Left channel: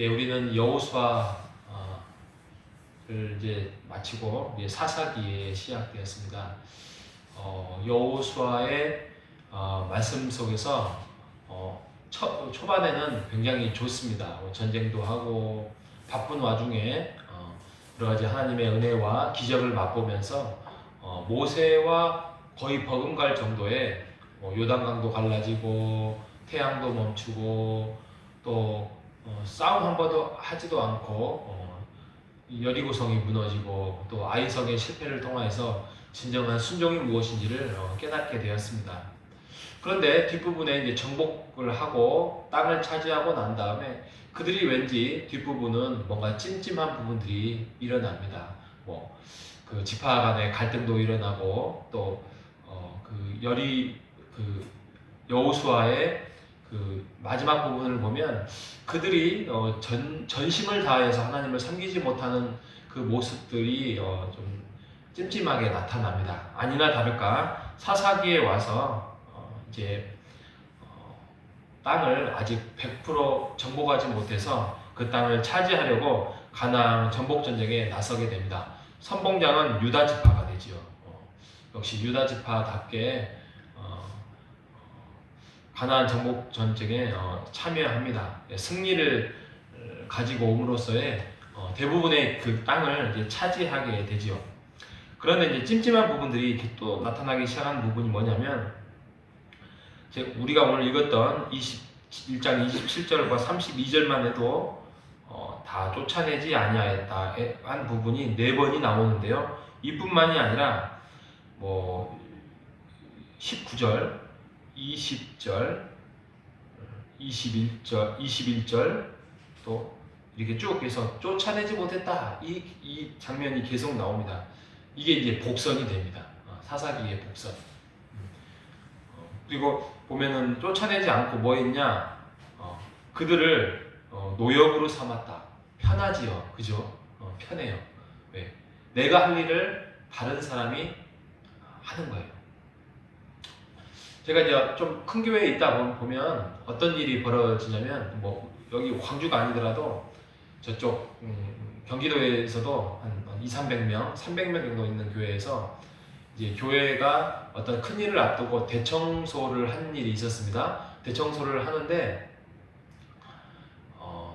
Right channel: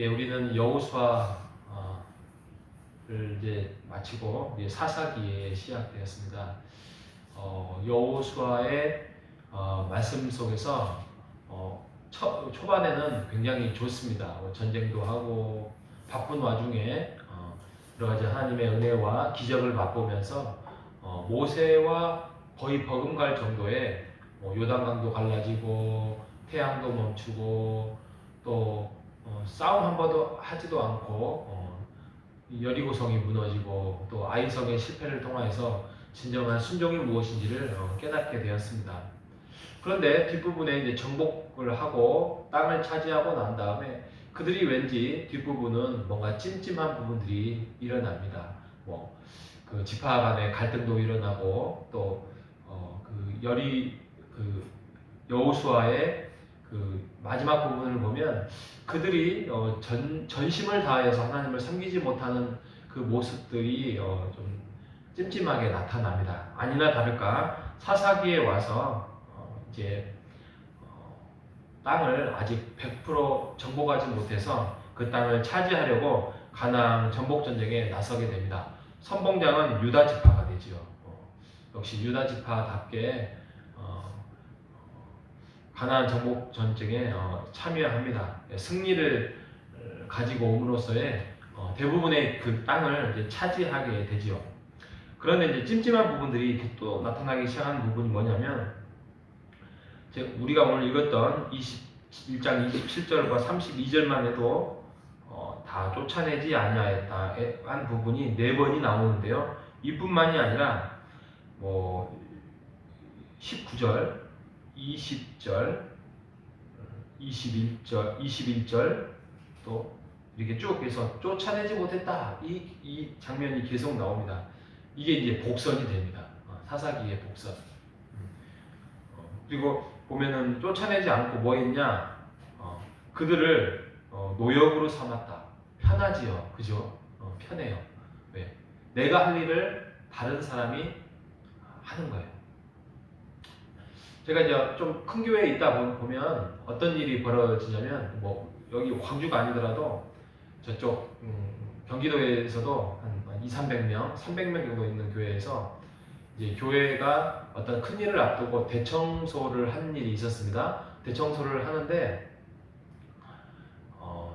예, 우리는 여호수아를 이제 마치고 이제 사사기에 시작되었습니다. 여호수아의 말씀 속에서 초반에는 굉장히 좋습니다. 전쟁도 하고 바쁜 와중에 여러 가지 하나님의 은혜와 기적을 맛보면서 모세와 거의 버금갈 정도의 요단강도 갈라지고 태양도 멈추고 또 싸움 한 번도 하지도 않고 여리고성이 무너지고 또 아이성의 실패를 통해서 진정한 순종이 무엇인지를 깨닫게 되었습니다. 그런데 뒷부분에 이제 정복을 하고 땅을 차지하고 난 다음에 그들이 왠지 뒷부분은 뭔가 찜찜한 부분들이 일어납니다. 그 지파 간의 갈등도 일어나고 그 여호수아의 그 마지막 부분을 보면 그들이 전심을 다해서 하나님을 섬기지 못하는 그 모습들이 좀 찜찜하게 나타납니다. 아니나 다를까 사사기에 와서 이제 땅을 아직 100% 정복하지 못해서 그 땅을 차지하려고 가나안 정복 전쟁에 나서게 됩니다. 선봉장은 유다 지파가 되지요. 역시 유다 지파답게 가나안 정복 전쟁에 참여합니다. 승리를 가지고 옴으로써의 대부분의 그 땅을 이제 차지하게 되지요. 그런데 이제 찜찜한 부분들이 또 나타나기 시작한 부분이 뭐냐면 우리가 오늘 읽었던 21장 27절과 32절만 해도 다 쫓아내지 아니하였다 한 부분이 4번이 나오는데요. 이뿐만이 아니라 19절, 20절, 21절 또 이렇게 쭉 해서 쫓아내지 못했다. 이 장면이 계속 나옵니다. 이게 이제 복선이 됩니다. 사사기의 복선. 그리고 보면은 쫓아내지 않고 뭐 했냐? 그들을 노역으로 삼았다. 편하지요. 그죠? 편해요. 왜? 내가 할 일을 다른 사람이 하는 거예요. 제가 이제 좀 큰 교회에 있다 보면 어떤 일이 벌어지냐면 여기 광주가 아니더라도 저쪽 경기도에서도 한 200~300명, 300명 정도 있는 교회에서 이제 교회가 어떤 큰 일을 앞두고 대청소를 하는 일이 있었습니다. 대청소를 하는데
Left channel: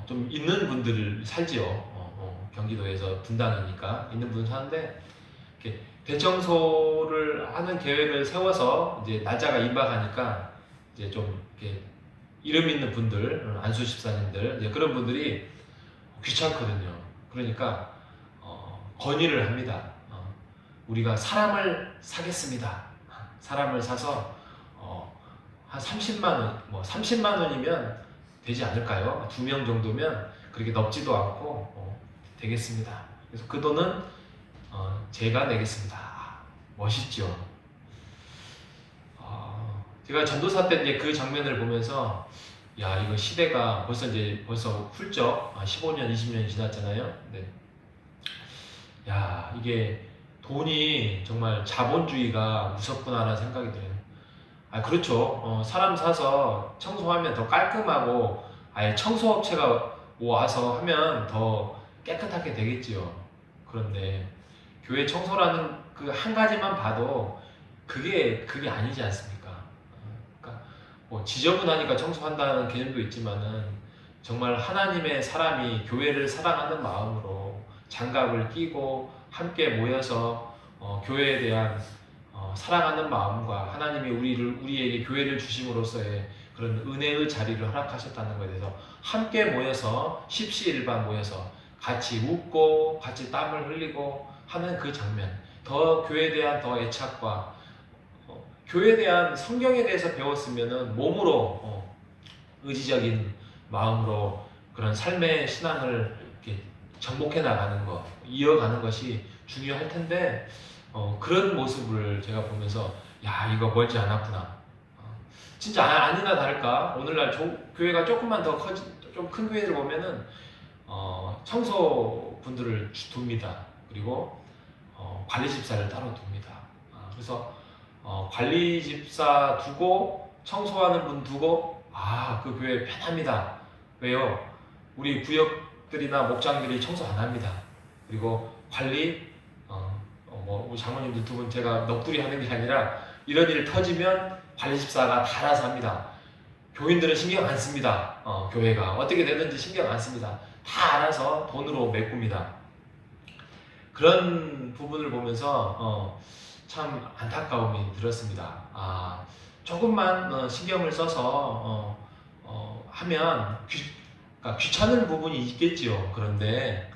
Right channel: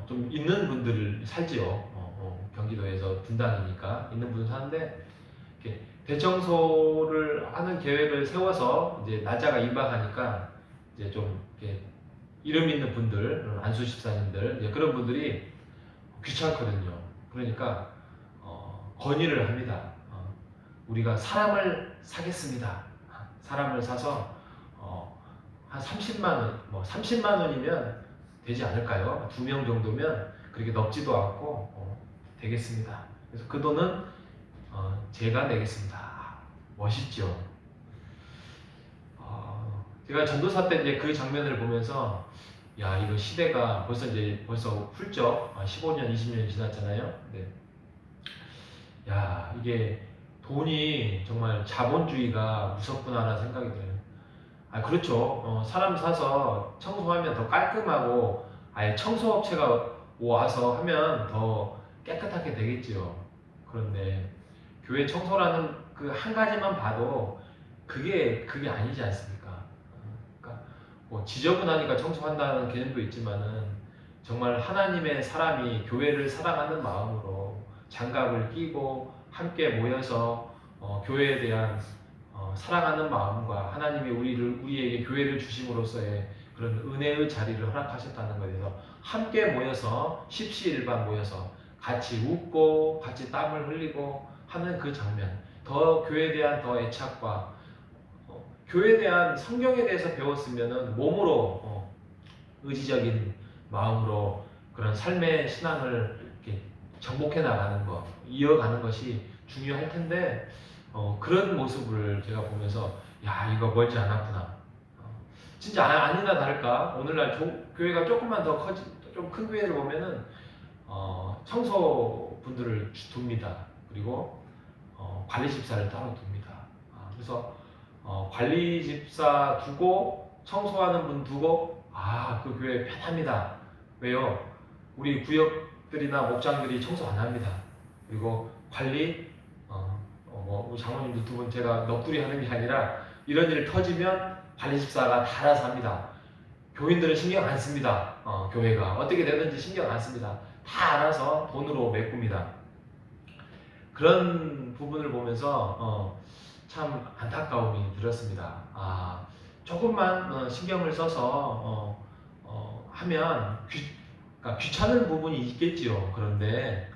좀 있는 분들을 살지요. 경기도에서 분당이니까 있는 분들 사는데 대청소를 하는 계획을 세워서 이제 날짜가 임박하니까 이제 좀 이렇게 이름 있는 분들, 안수 집사님들 이제 그런 분들이 귀찮거든요. 그러니까 건의를 합니다. 우리가 사람을 사겠습니다. 사람을 사서 한 30만 원, 30만 원이면 되지 않을까요? 2명 정도면 그렇게 넓지도 않고 되겠습니다. 그래서 그 돈은 제가 내겠습니다. 멋있죠? 제가 전도사 때 이제 그 장면을 보면서 야, 이거 시대가 벌써 훌쩍 15년, 20년이 지났잖아요. 근데 야, 이게 돈이 정말 자본주의가 무섭구나라는 생각이 들어요. 그렇죠. 사람 사서 청소하면 더 깔끔하고 아예 청소업체가 와서 하면 더 깨끗하게 되겠지요. 그런데 교회 청소라는 그 한 가지만 봐도 그게 아니지 않습니까? 그러니까 지저분하니까 청소한다는 개념도 있지만은 정말 하나님의 사람이 교회를 사랑하는 마음으로 장갑을 끼고 함께 모여서 교회에 대한 사랑하는 마음과 하나님이 우리에게 교회를 주심으로써의 그런 은혜의 자리를 허락하셨다는 것에 대해서 함께 모여서 십시일반 모여서 같이 웃고 같이 땀을 흘리고 하는 그 장면, 더 교회에 대한 더 애착과 교회에 대한 성경에 대해서 배웠으면은 몸으로 의지적인 마음으로 그런 삶의 신앙을 이렇게 정복해 나가는 것, 이어가는 것이 중요할 텐데 그런 모습을 제가 보면서 야, 이거 멀지 않았구나. 진짜 아니나 다를까 오늘날 교회가 조금만 더 좀 큰 교회를 보면은 청소분들을 둡니다. 그리고 관리 집사를 따로 둡니다. 그래서 관리 집사 두고 청소하는 분 두고 그 교회 편합니다. 왜요? 우리 구역들이나 목장들이 청소 안 합니다. 그리고 관리, 우리 장모님들 두 분 제가 넋두리 하는 게 아니라 이런 일 터지면 관리집사가 다 알아서 합니다. 교인들은 신경 안 씁니다. 교회가 어떻게 되는지 신경 안 씁니다. 다 알아서 돈으로 메꿉니다. 그런 부분을 보면서 참 안타까움이 들었습니다. 조금만 신경을 써서 하면 그러니까 귀찮은 부분이 있겠지요. 그런데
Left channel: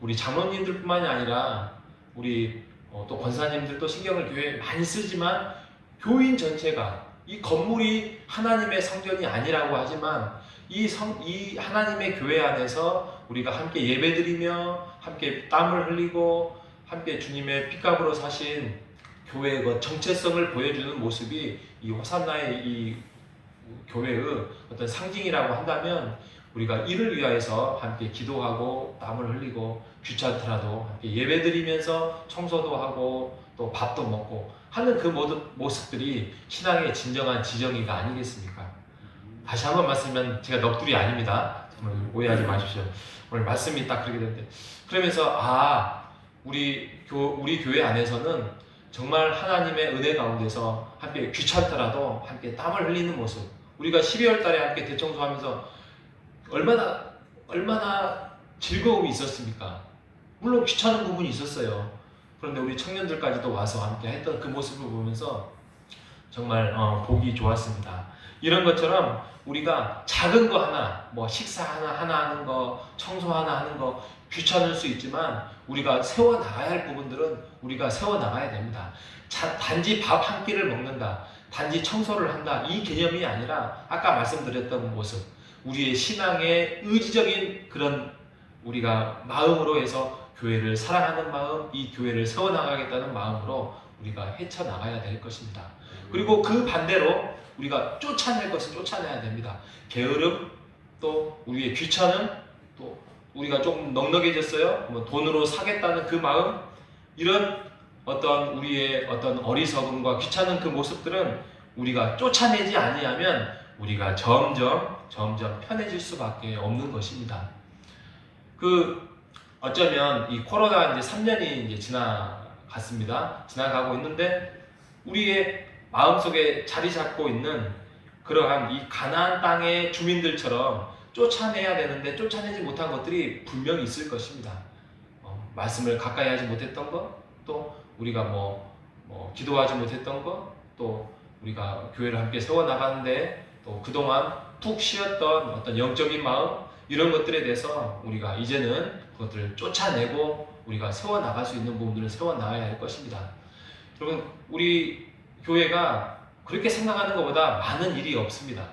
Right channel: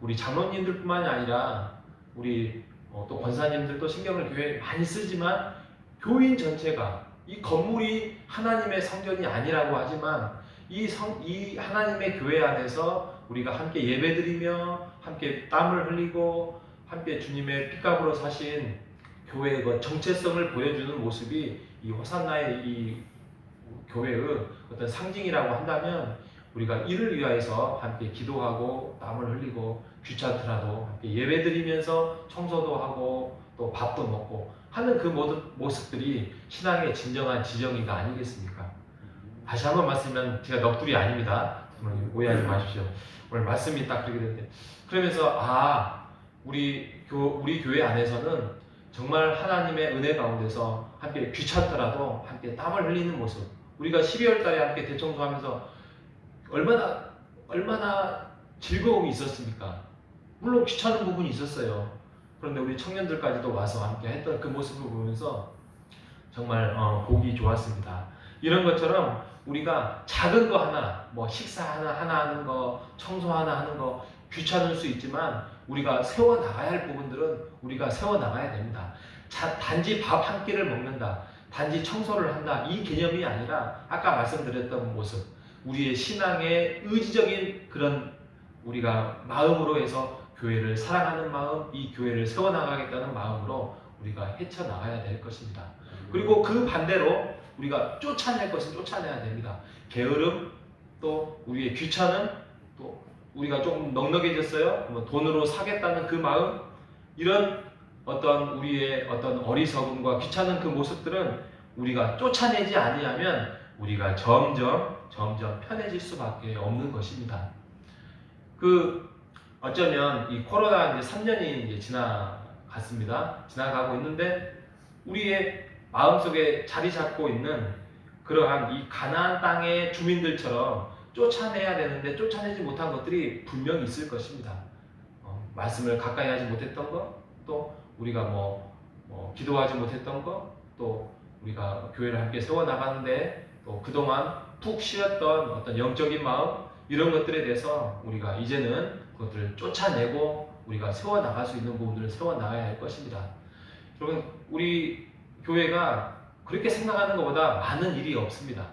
우리 장로님들뿐만이 아니라 우리 또 권사님들도 신경을 교회에 많이 쓰지만 교인 전체가 이 건물이 하나님의 성전이 아니라고 하지만 이 하나님의 교회 안에서 우리가 함께 예배드리며 함께 땀을 흘리고 함께 주님의 핏값으로 사신 교회의 그 정체성을 보여주는 모습이 이 호산나의 이 교회의 어떤 상징이라고 한다면 우리가 이를 위하여서 함께 기도하고 땀을 흘리고 귀찮더라도 함께 예배드리면서 청소도 하고 또 밥도 먹고 하는 그 모든 모습들이 신앙의 진정한 지정의가 아니겠습니까? 다시 한번 말씀드리면 제가 넋두리 아닙니다. 오해하지 마십시오. 오늘 말씀이 딱 그렇게 되는데 그러면서 우리 교회 안에서는 정말 하나님의 은혜 가운데서 함께 귀찮더라도 함께 땀을 흘리는 모습 우리가 12월 달에 함께 대청소하면서 얼마나 즐거움이 있었습니까? 물론 귀찮은 부분이 있었어요. 그런데 우리 청년들까지도 와서 함께 했던 그 모습을 보면서 정말 보기 좋았습니다. 이런 것처럼 우리가 작은 거 하나, 뭐 식사 하나 하는 거, 청소 하나 하는 거 귀찮을 수 있지만 우리가 세워나가야 할 부분들은 우리가 세워나가야 됩니다. 단지 밥 한 끼를 먹는다, 단지 청소를 한다 이 개념이 아니라 아까 말씀드렸던 모습 우리의 신앙의 의지적인 그런 우리가 마음으로 해서 교회를 사랑하는 마음, 이 교회를 세워나가겠다는 마음으로 우리가 헤쳐나가야 될 것입니다. 그리고 그 반대로 우리가 쫓아낼 것은 쫓아내야 됩니다. 게으름, 또 우리의 귀찮음, 또 우리가 조금 넉넉해졌어요. 뭐 돈으로 사겠다는 그 마음, 이런 어떤 우리의 어떤 어리석음과 귀찮은 그 모습들은 우리가 쫓아내지 아니하면 우리가 점점 편해질 수밖에 없는 것입니다. 어쩌면 이 코로나 이제 3년이 이제 지나가고 있는데 우리의 마음속에 자리 잡고 있는 그러한 이 가나안 땅의 주민들처럼 쫓아내야 되는데 쫓아내지 못한 것들이 분명히 있을 것입니다. 말씀을 가까이 하지 못했던 것, 또 우리가 기도하지 못했던 것, 또 우리가 교회를 함께 세워나가는데 또 그동안 푹 쉬었던 어떤 영적인 마음, 이런 것들에 대해서 우리가 이제는 그것들을 쫓아내고 우리가 세워나갈 수 있는 부분들을 세워나가야 할 것입니다. 여러분, 우리 교회가 그렇게 생각하는 것보다 많은 일이 없습니다.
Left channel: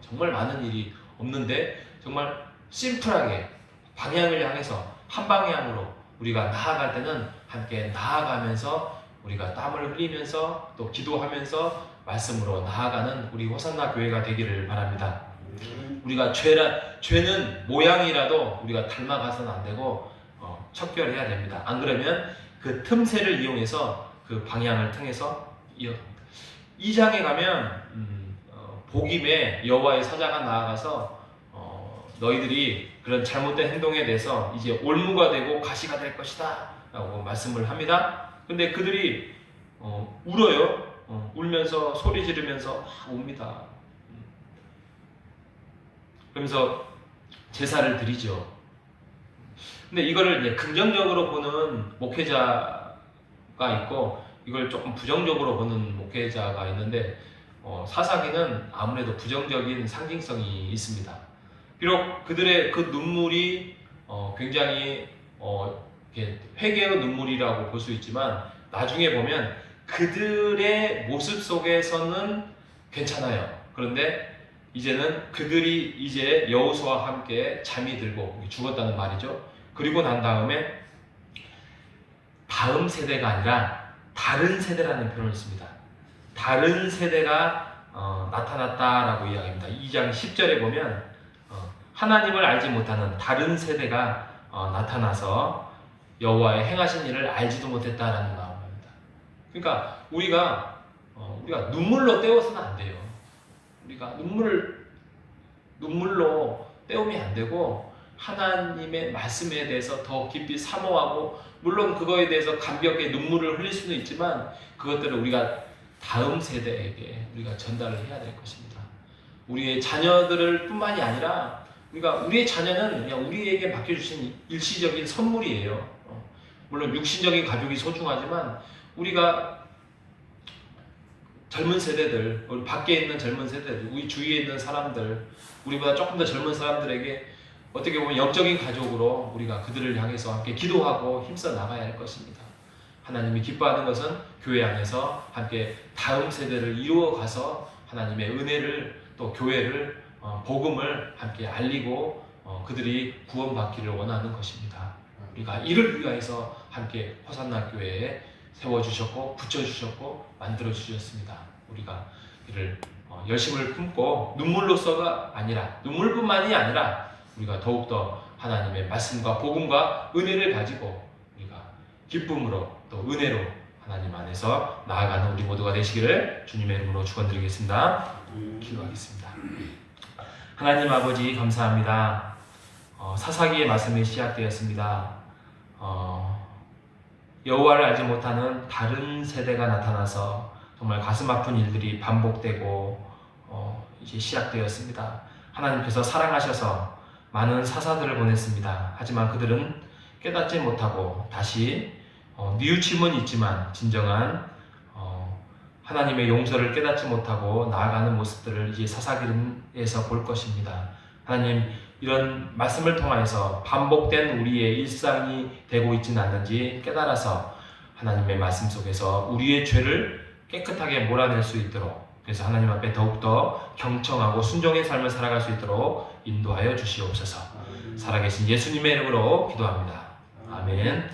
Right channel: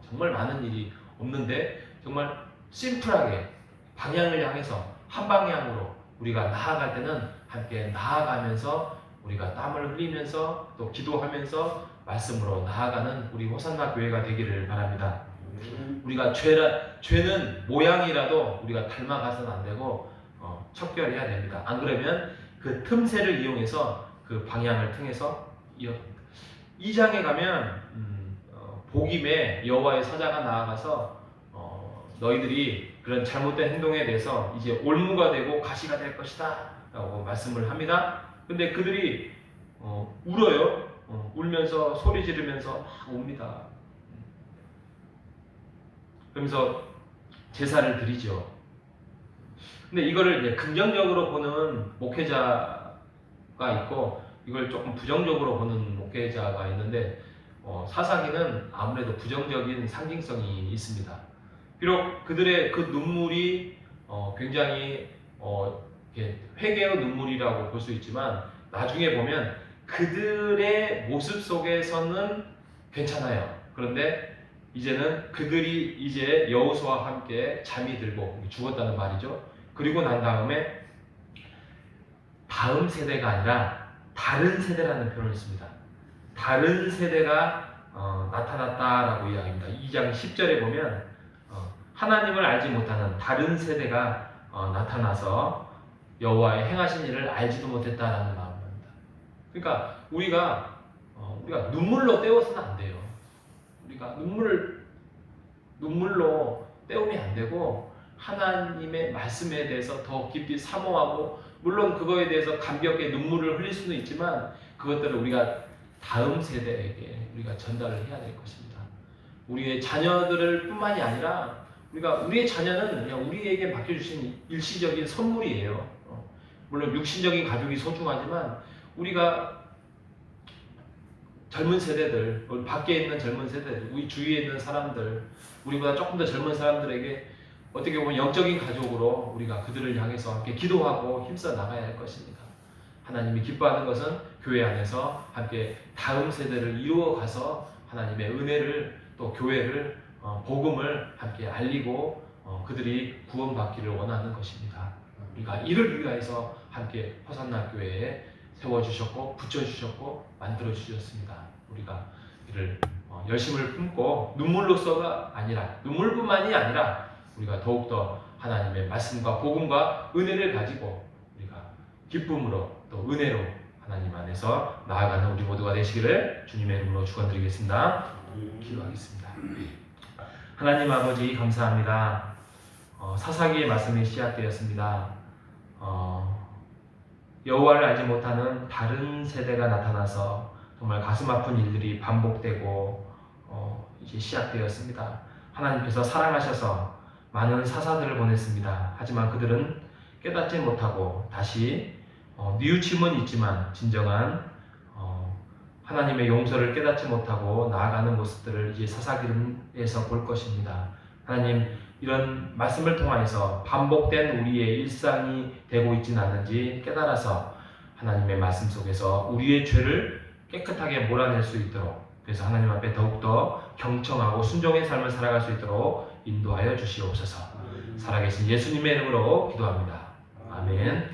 정말 많은 일이 없는데 정말 심플하게 방향을 향해서 한 방향으로 우리가 나아갈 때는 함께 나아가면서 우리가 땀을 흘리면서 또 기도하면서 말씀으로 나아가는 우리 호산나 교회가 되기를 바랍니다. 우리가 죄는 모양이라도 우리가 닮아가서는 안 되고 척결해야 됩니다. 안 그러면 그 틈새를 이용해서 그 방향을 통해서 2장에 가면 복임에 여호와의 사자가 나아가서 너희들이 그런 잘못된 행동에 대해서 이제 올무가 되고 가시가 될 것이다 라고 말씀을 합니다. 근데 그들이 울어요. 울면서 소리 지르면서 옵니다. 그러면서 제사를 드리죠. 근데 이거를 이제 긍정적으로 보는 목회자가 있고 이걸 조금 부정적으로 보는 목회자가 있는데 사사기는 아무래도 부정적인 상징성이 있습니다. 비록 그들의 그 눈물이 굉장히 이렇게 회개의 눈물이라고 볼 수 있지만 나중에 보면 그들의 모습 속에서는 괜찮아요. 그런데 이제는 그들이 이제 여호수아와 함께 잠이 들고 죽었다는 말이죠. 그리고 난 다음에 다음 세대가 아니라 다른 세대라는 표현을 씁니다. 다른 세대가 나타났다라고 이야기합니다. 2장 10절에 보면 하나님을 알지 못하는 다른 세대가 나타나서 여호와의 행하신 일을 알지도 못했다라는 마음입니다. 그러니까 우리가 눈물로 때워서는 안 돼요. 우리가 눈물로 때우면 안 되고 하나님의 말씀에 대해서 더 깊이 사모하고, 물론 그거에 대해서 감격의 눈물을 흘릴 수는 있지만 그것들을 우리가 다음 세대에게 우리가 전달을 해야 될 것입니다. 우리의 자녀들을 뿐만이 아니라 우리의 자녀는 그냥 우리에게 맡겨주신 일시적인 선물이에요. 물론 육신적인 가족이 소중하지만 우리가 젊은 세대들, 우리 밖에 있는 젊은 세대들, 우리 주위에 있는 사람들, 우리보다 조금 더 젊은 사람들에게 어떻게 보면 영적인 가족으로 우리가 그들을 향해서 함께 기도하고 힘써 나가야 할 것입니다. 하나님이 기뻐하는 것은 교회 안에서 함께 다음 세대를 이루어가서 하나님의 은혜를, 또 교회를, 복음을 함께 알리고 그들이 구원받기를 원하는 것입니다. 우리가 이를 위하여서 함께 호산나 교회에 세워주셨고 붙여주셨고 만들어주셨습니다. 우리가 이를 열심을 품고 눈물로서가 아니라, 눈물뿐만이 아니라 우리가 더욱더 하나님의 말씀과 복음과 은혜를 가지고 우리가 기쁨으로 또 은혜로 하나님 안에서 나아가는 우리 모두가 되시기를 주님의 이름으로 축원드리겠습니다. 기도하겠습니다. 하나님 아버지 감사합니다. 사사기의 말씀이 시작되었습니다. 여호와를 알지 못하는 다른 세대가 나타나서 정말 가슴 아픈 일들이 반복되고 이제 시작되었습니다. 하나님께서 사랑하셔서 많은 사사들을 보냈습니다. 하지만 그들은 깨닫지 못하고 다시 뉘우침은 있지만 진정한 하나님의 용서를 깨닫지 못하고 나아가는 모습들을 이제 사사기에서 볼 것입니다. 하나님, 이런 말씀을 통해서 반복된 우리의 일상이 되고 있지는 않는지 깨달아서 하나님의 말씀 속에서 우리의 죄를 깨끗하게 몰아낼 수 있도록, 그래서 하나님 앞에 더욱더 경청하고 순종의 삶을 살아갈 수 있도록 인도하여 주시옵소서. 살아계신 예수님의 이름으로 기도합니다. 아멘.